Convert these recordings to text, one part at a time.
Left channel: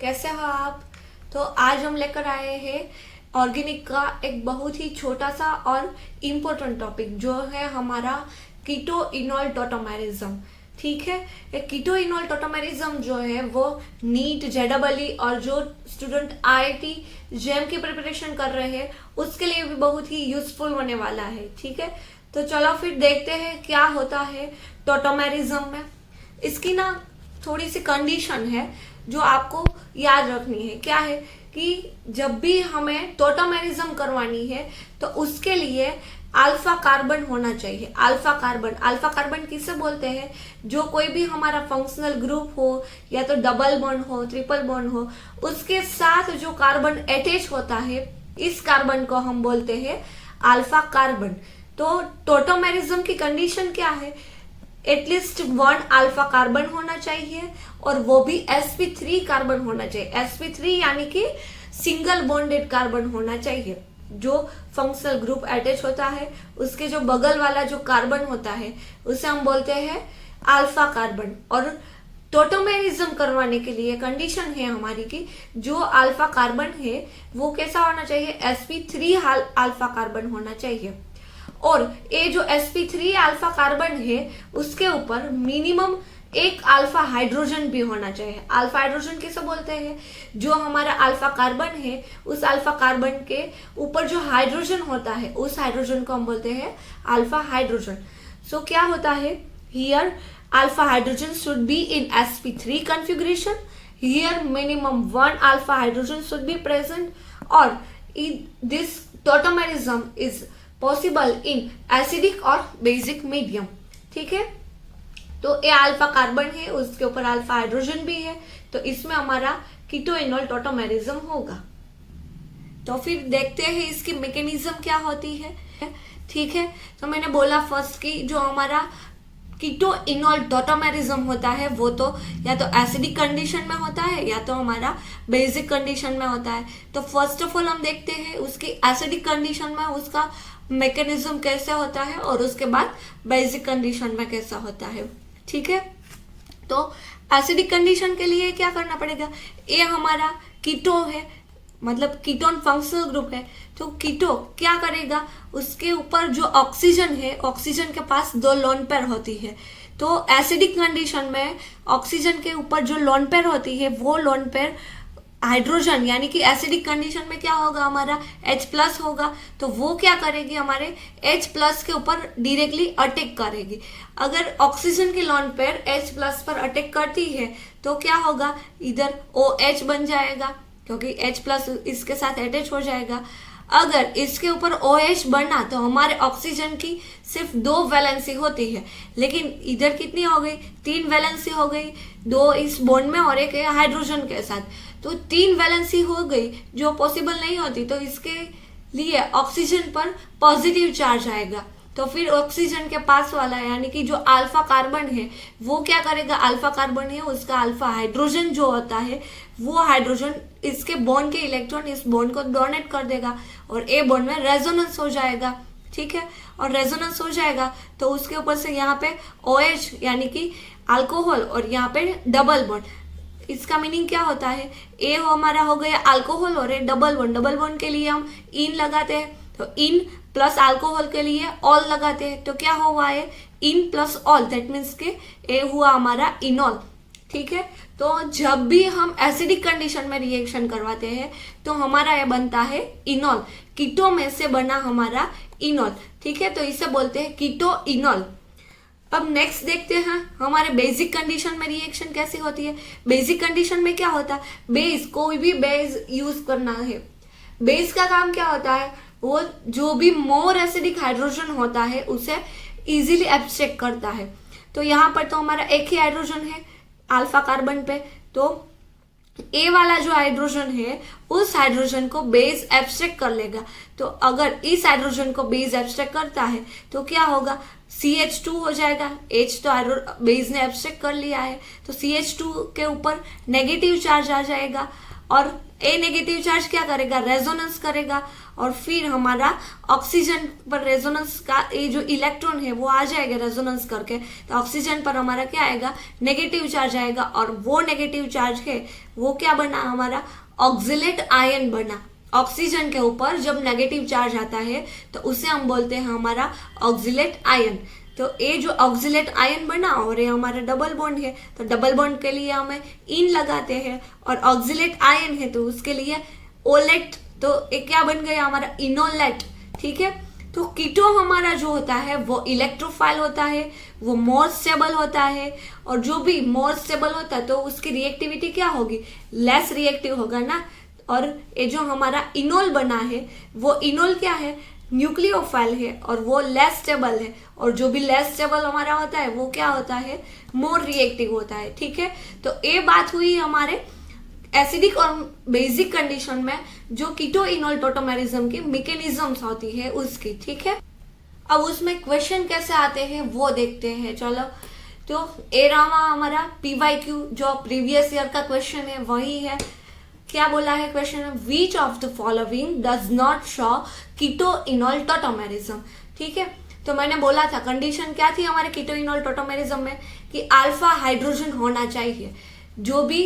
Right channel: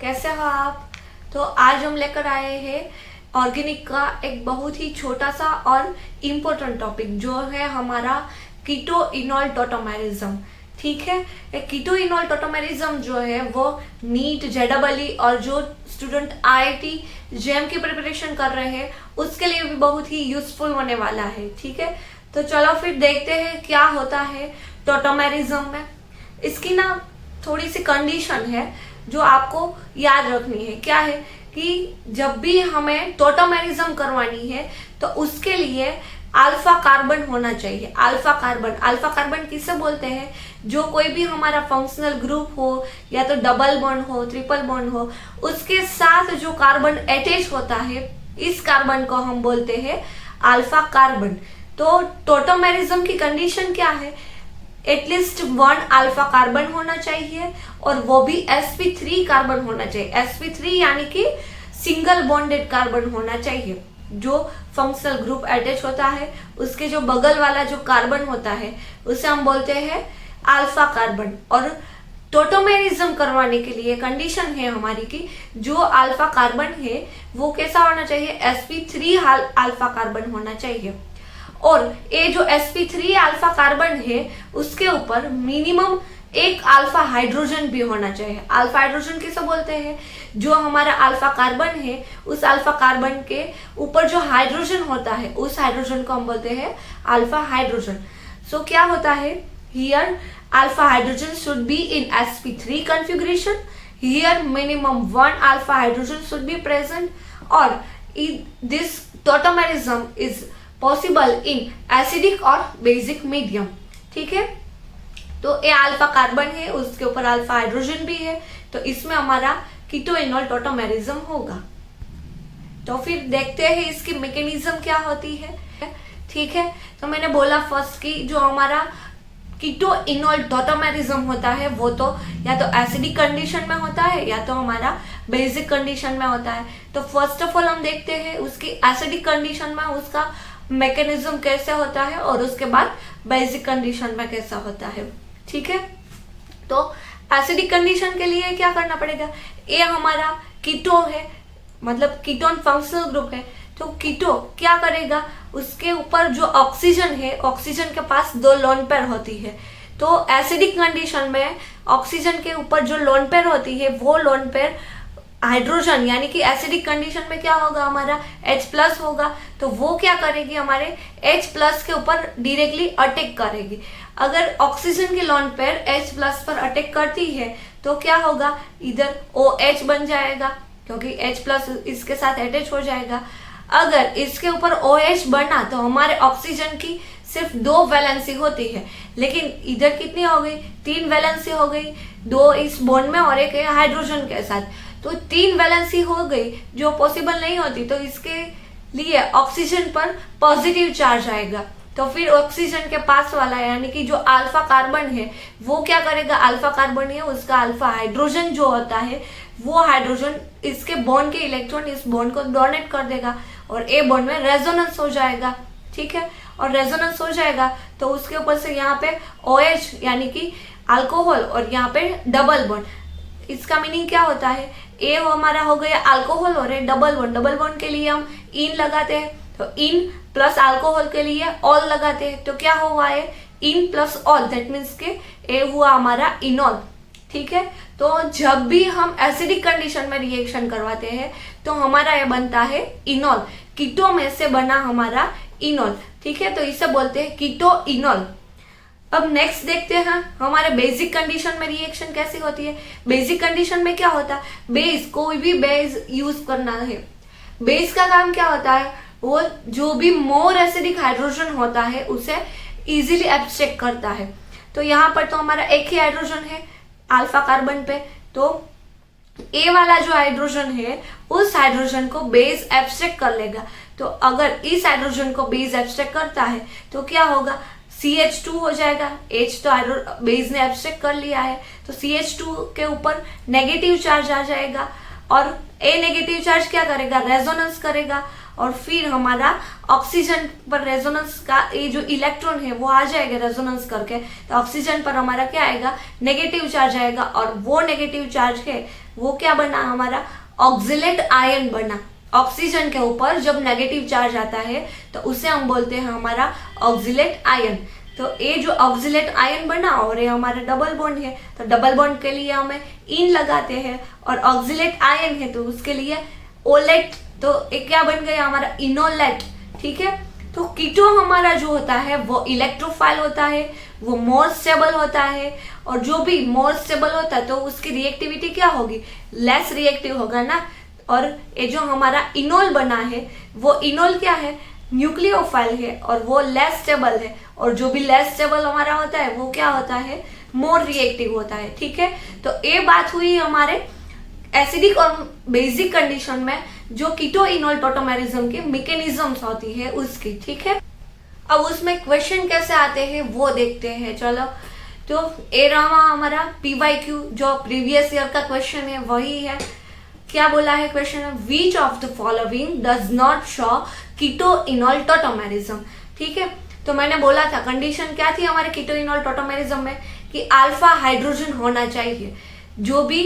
कैसे हो आप। तो आज हम लेकर आए हैं ऑर्गेनिक का एक बहुत ही छोटा सा और इम्पोर्टेंट टॉपिक जो है हमारा कीटो इनॉल टोटोमेरिज्म। ठीक है, ये कीटो इनॉल टोटोमेरिज्म जो है वो नीट जेडबलई और जो स्टूडेंट आईआईटी जेएम की प्रिपरेशन कर रहे हैं उसके लिए भी बहुत ही यूजफुल होने वाला है। ठीक है, तो चलो फिर देखते हैं क्या होता है टोटोमेरिज्म में। इसकी ना थोड़ी सी कंडीशन है जो आपको याद रखनी है। क्या है कि जब भी हमें टोटोमेरिज्म करवानी है तो उसके लिए अल्फा कार्बन होना चाहिए। अल्फा कार्बन किसे बोलते हैं? जो कोई भी हमारा फंक्शनल ग्रुप हो या तो डबल बॉन्ड हो, ट्रिपल बॉन्ड हो, उसके साथ जो कार्बन अटैच होता है इस कार्बन को हम बोलते हैं अल्फा कार्बन। तो टोटोमेरिज्म की कंडीशन क्या है? एटलीस्ट 1 अल्फा कार्बन होना चाहिए और वो भी sp3 कार्बन होना चाहिए। sp3 यानी कि सिंगल बॉन्डेड कार्बन होना चाहिए। जो फंक्शनल ग्रुप अटैच होता है उसके जो बगल वाला जो कार्बन होता है उसे हम बोलते हैं अल्फा कार्बन। और टोटोमेरिज्म करवाने के लिए कंडीशन है हमारी कि जो अल्फा कार्बन है वो कैसा होना चाहिए? sp3 अल्फा कार्बन होना चाहिए। और ये जो sp3 अल्फा कार्बन है उसके ऊपर मिनिमम एक अल्फा हाइड्रोजन भी होना चाहिए। अल्फा हाइड्रोजन किसे बोलते हैं? जो हमारा अल्फा कार्बन है उस अल्फा कार्बन के ऊपर जो हाइड्रोजन होता है उस हाइड्रोजन को हम बोलते हैं अल्फा हाइड्रोजन। सो क्या होता है here? Alpha hydrogen should be in sp3 configuration. Here minimum 1 alpha hydrogen should be present, or this tautomerism is possible in acidic और बेसिक मीडियम। ठीक है, तो ये अल्फा कार्बन है उसके ऊपर अल्फा हाइड्रोजन भी है तो इसमें हमारा कीटो इनॉल टोटोमेरिज्म होगा। तो फिर देखते हैं इसकी मैकेनिज्म क्या होती है। ठीक है, तो मैंने बोला फर्स्ट की जो हमारा कीटो इनॉल टोटोमेरिज्म होता है वो तो या तो एसिडिक कंडीशन में होता है या तो हमारा बेसिक कंडीशन में होता है। तो फर्स्ट ऑफ ऑल हम देखते हैं उसकी एसिडिक कंडीशन में उसका मैकेनिज्म कैसे होता है और उसके बाद बेसिक कंडीशन में कैसा होता है। ठीक है, तो एसिडिक कंडीशन के लिए क्या करना पड़ेगा? ये हमारा कीटो है, मतलब कीटोन फंक्शनल ग्रुप है। तो कीटो क्या करेगा? उसके ऊपर जो ऑक्सीजन है, ऑक्सीजन के पास 2 लोन पेयर होती है। तो एसिडिक कंडीशन में ऑक्सीजन के ऊपर जो लोन पेयर होती है वो लोन पेयर हाइड्रोजन यानी कि एसिडिक कंडीशन में क्या होगा? हमारा H+ होगा। तो वो क्या करेगी? हमारे H+ के ऊपर डायरेक्टली अटैक करेगी। अगर ऑक्सीजन की लोन पेयर H+ पर अटैक करती है तो क्या होगा? इधर OH बन जाएगा क्योंकि H+ इसके साथ अटैच हो जाएगा। अगर इसके ऊपर OH बना तो हमारे ऑक्सीजन की सिर्फ 2 वैलेंसी होती है, लेकिन इधर कितनी हो गई? 3 वैलेंसी हो गई, 2 इस बॉन्ड में और एक है हाइड्रोजन के साथ। तो 3 वैलेंसी हो गई जो पॉसिबल नहीं होती। तो इसके लिए ऑक्सीजन पर पॉजिटिव चार्ज आएगा। तो फिर ऑक्सीजन के पास वाला यानी कि जो अल्फा कार्बन है वो क्या करेगा? अल्फा कार्बन है उसका अल्फा हाइड्रोजन जो होता है वो हाइड्रोजन इसके बॉन्ड के इलेक्ट्रॉन इस बॉन्ड को डोनेट कर देगा और ए बॉन्ड में रेजोनेंस हो जाएगा। ठीक है, और रेजोनेंस हो जाएगा तो उसके ऊपर से यहाँ पे OH यानी कि अल्कोहल और यहाँ पे डबल बॉन्ड। इसका मीनिंग क्या होता है? ए हमारा हो गया अल्कोहल और डबल बॉन्ड के लिए हम इन लगाते हैं तो इन प्लस अल्कोहल के लिए ऑल लगाते हैं। तो क्या हुआ है? In plus all, that means के ए हुआ हमारा इनॉल। ठीक है, तो जब भी हम एसिडिक कंडीशन में रिएक्शन करवाते हैं तो हमारा ये बनता है इनॉल। कीटो में से बना हमारा इनॉल। ठीक है, तो इसे बोलते हैं कीटो इनॉल। अब नेक्स्ट देखते हैं हमारे बेसिक कंडीशन में रिएक्शन कैसी होती है। बेसिक कंडीशन में क्या होता है? बेस, कोई भी बेस यूज करना है। बेस का काम क्या होता है? वो जो भी मोर एसिडिक हाइड्रोजन होता है उसे इजीली एब्स्ट्रैक्ट करता है। तो यहाँ पर तो हमारा एक ही हाइड्रोजन है अल्फा कार्बन पे, तो ए वाला जो हाइड्रोजन है उस हाइड्रोजन को बेस एब्स्ट्रैक्ट कर लेगा। तो अगर इस हाइड्रोजन को बेस एब्स्ट्रैक्ट करता है तो क्या होगा? CH2 हो जाएगा। H तो बेस ने एब्स्ट्रैक्ट कर लिया है तो CH2 के ऊपर नेगेटिव चार्ज आ जाएगा और ए नेगेटिव चार्ज क्या करेगा? रेजोनेंस करेगा और फिर हमारा ऑक्सीजन पर रेजोनेंस का ये जो इलेक्ट्रॉन है वो आ जाएगा रेजोनेंस करके, तो ऑक्सीजन पर हमारा क्या आएगा, नेगेटिव चार्ज आएगा, और वो नेगेटिव चार्ज है वो क्या बना, हमारा ऑक्जिलेट आयन बना। ऑक्सीजन के ऊपर जब नेगेटिव चार्ज आता है तो उसे हम बोलते हैं हमारा ऑक्जिलेट आयन। तो ये जो ऑक्जिलेट आयन बना और ये हमारा डबल बॉन्ड है, तो डबल बॉन्ड के लिए हमें इन लगाते हैं, और ऑक्जिलेट आयन है तो उसके लिए ओलेट, तो ये क्या बन गया हमारा इनोलेट। ठीक है, तो कीटो हमारा जो होता है वो इलेक्ट्रोफाइल होता है, वो मोर स्टेबल होता है, और जो भी मोर स्टेबल होता है तो उसकी रिएक्टिविटी क्या होगी, लेस रिएक्टिव होगा ना। और ये जो हमारा इनोल बना है वो इनोल क्या है, न्यूक्लियोफाइल है, और वो लेस स्टेबल है, और जो भी लेस स्टेबल हमारा होता है वो क्या होता है, मोर रिएक्टिव होता है। ठीक है, तो ये बात हुई हमारे एसिडिक और बेसिक कंडीशन में जो कीटो इनोल टोटोमेरिज्म की मैकेनिज्म्स होती है उसकी। ठीक है, अब उसमें क्वेश्चन कैसे आते हैं वो देखते हैं। चलो, तो ए रहा हमारा PYQ जो प्रीवियस ईयर का क्वेश्चन है वही है। क्या बोला है क्वेश्चन में, which of the following does not show keto enol tautomerism. ठीक है, तो मैंने बोला था कंडीशन क्या थी हमारे कीटो इनोल टोटोमेरिज्म में कि अल्फा हाइड्रोजन होना चाहिए। जो भी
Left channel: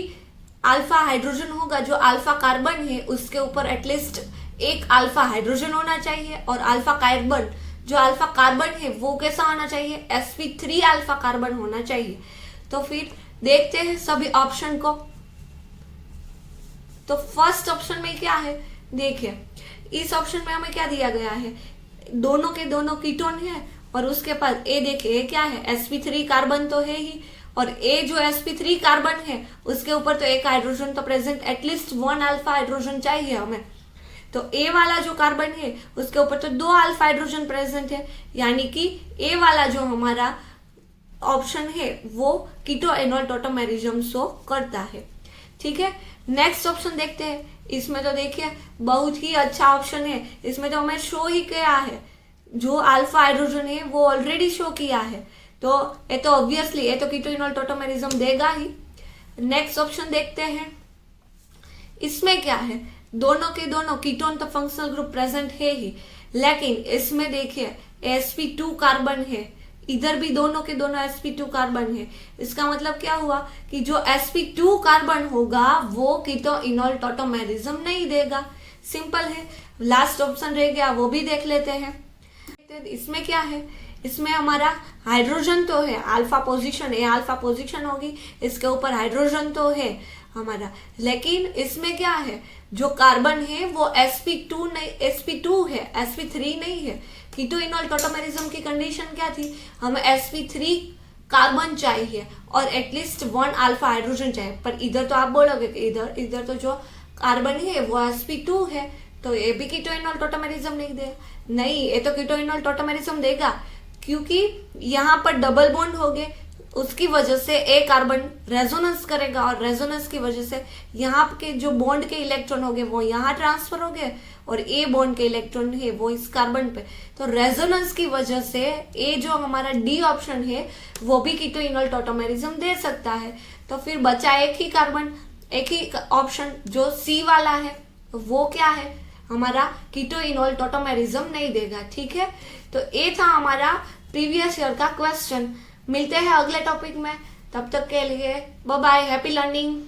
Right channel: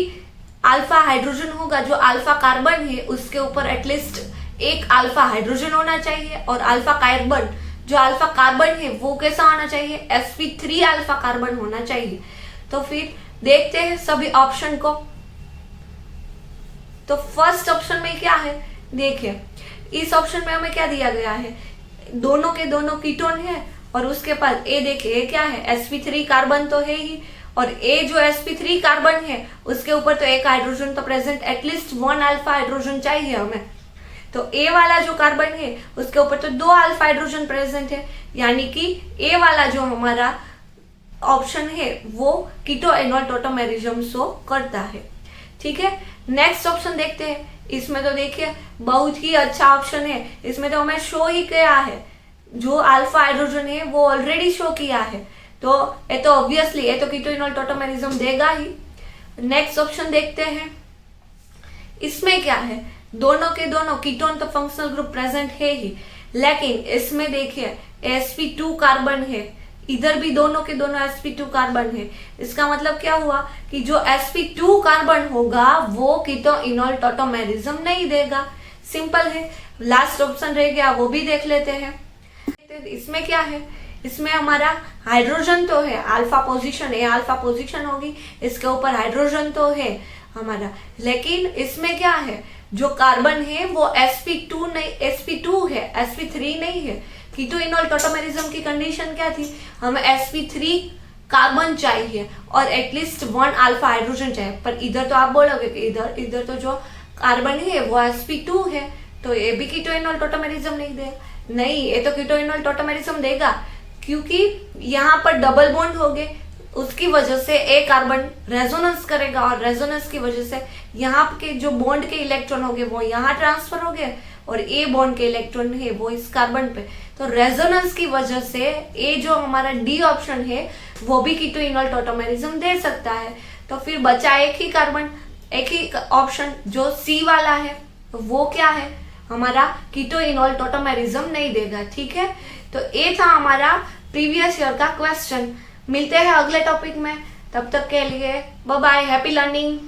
अल्फा हाइड्रोजन होगा, जो अल्फा कार्बन है उसके ऊपर एटलीस्ट एक अल्फा हाइड्रोजन होना चाहिए, और अल्फा कार्बन जो अल्फा कार्बन है वो कैसा होना चाहिए, sp3 अल्फा कार्बन होना चाहिए। तो फिर देखते हैं सभी ऑप्शन को। तो फर्स्ट ऑप्शन में क्या है, देखिए इस ऑप्शन में हमें क्या दिया गया है, दोनों के दोनों कीटोन है, और उसके बाद ए देखिए क्या है, sp3 कार्बन तो है ही, और ए जो sp3 कार्बन है उसके ऊपर तो एक हाइड्रोजन तो प्रेजेंट, एटलीस्ट 1 अल्फा हाइड्रोजन चाहिए हमें। तो ए वाला जो कार्बन है उसके ऊपर तो 2 अल्फा हाइड्रोजन प्रेजेंट है, यानी कि ए वाला जो हमारा ऑप्शन है वो कीटो इनोल टोटोमेरिज्म शो करता है। ठीक है, नेक्स्ट ऑप्शन देखते हैं। इसमें तो देखिए बहुत ही अच्छा ऑप्शन है, इसमें तो हमें शो ही किया है, जो अल्फा हाइड्रोजन है वो ऑलरेडी शो किया है, तो ये तो ऑब्वियसली ये तो कीटो इनोल टोटोमेरिज्म देगा ही। नेक्स्ट ऑप्शन देखते हैं, इसमें क्या है, दोनों के दोनों कीटोन तो फंक्शनल ग्रुप प्रेजेंट है ही, लेकिन इसमें देखिए sp2 कार्बन है, इधर भी दोनों के दोनों sp2 कार्बन है। इसका मतलब क्या हुआ कि जो sp2 कार्बन होगा वो कीटो इनोल टोटोमेरिज्म नहीं देगा। सिंपल है, लास्ट ऑप्शन रह गया वो भी देख लेते हैं। इसमें क्या है, इसमें हमारा हाइड्रोजन तो है, अल्फा पोजीशन है, अल्फा पोजीशन होगी, इसके ऊपर हाइड्रोजन तो है हमारा, लेकिन इसमें क्या है, जो कार्बन है वो sp2 नहीं, sp2 है, sp3 नहीं है। कीटो इनोल टोटोमेरिज्म की कंडीशन क्या थी, हमें sp3 कार्बन चाहिए और एटलीस्ट 1 अल्फा हाइड्रोजन चाहिए, पर इधर तो आप बोलोगे कि इधर तो जो कार्बन है वो sp2 है, तो ये भी कीटो इनोल टोटोमेरिज्म नहीं देगा। नहीं, ये तो कीटो इनोल टोटोमेरिज्म देगा, क्योंकि यहाँ पर डबल बॉन्ड हो गए, उसकी वजह से ए कार्बन रेजोनेंस करेगा, और रेजोनेंस की वजह से यहाँ के जो बॉन्ड के इलेक्ट्रॉन हो गए वो यहाँ ट्रांसफर हो गए, और ए बॉन्ड के इलेक्ट्रॉन है वो इस कार्बन पे, तो रेजोनेंस की वजह से ए जो हमारा डी ऑप्शन है वो भी कीटो इनोल टोटोमेरिज्म दे सकता है। तो फिर बचा एक ही कार्बन, एक ही ऑप्शन जो सी वाला है, तो वो क्या है, हमारा कीटो इनोल टोटोमेरिज्म नहीं देगा। ठीक है, तो ये था हमारा प्रीवियस ईयर का क्वेश्चन। मिलते हैं अगले टॉपिक में, तब तक के लिए बाय बाय, हैप्पी लर्निंग।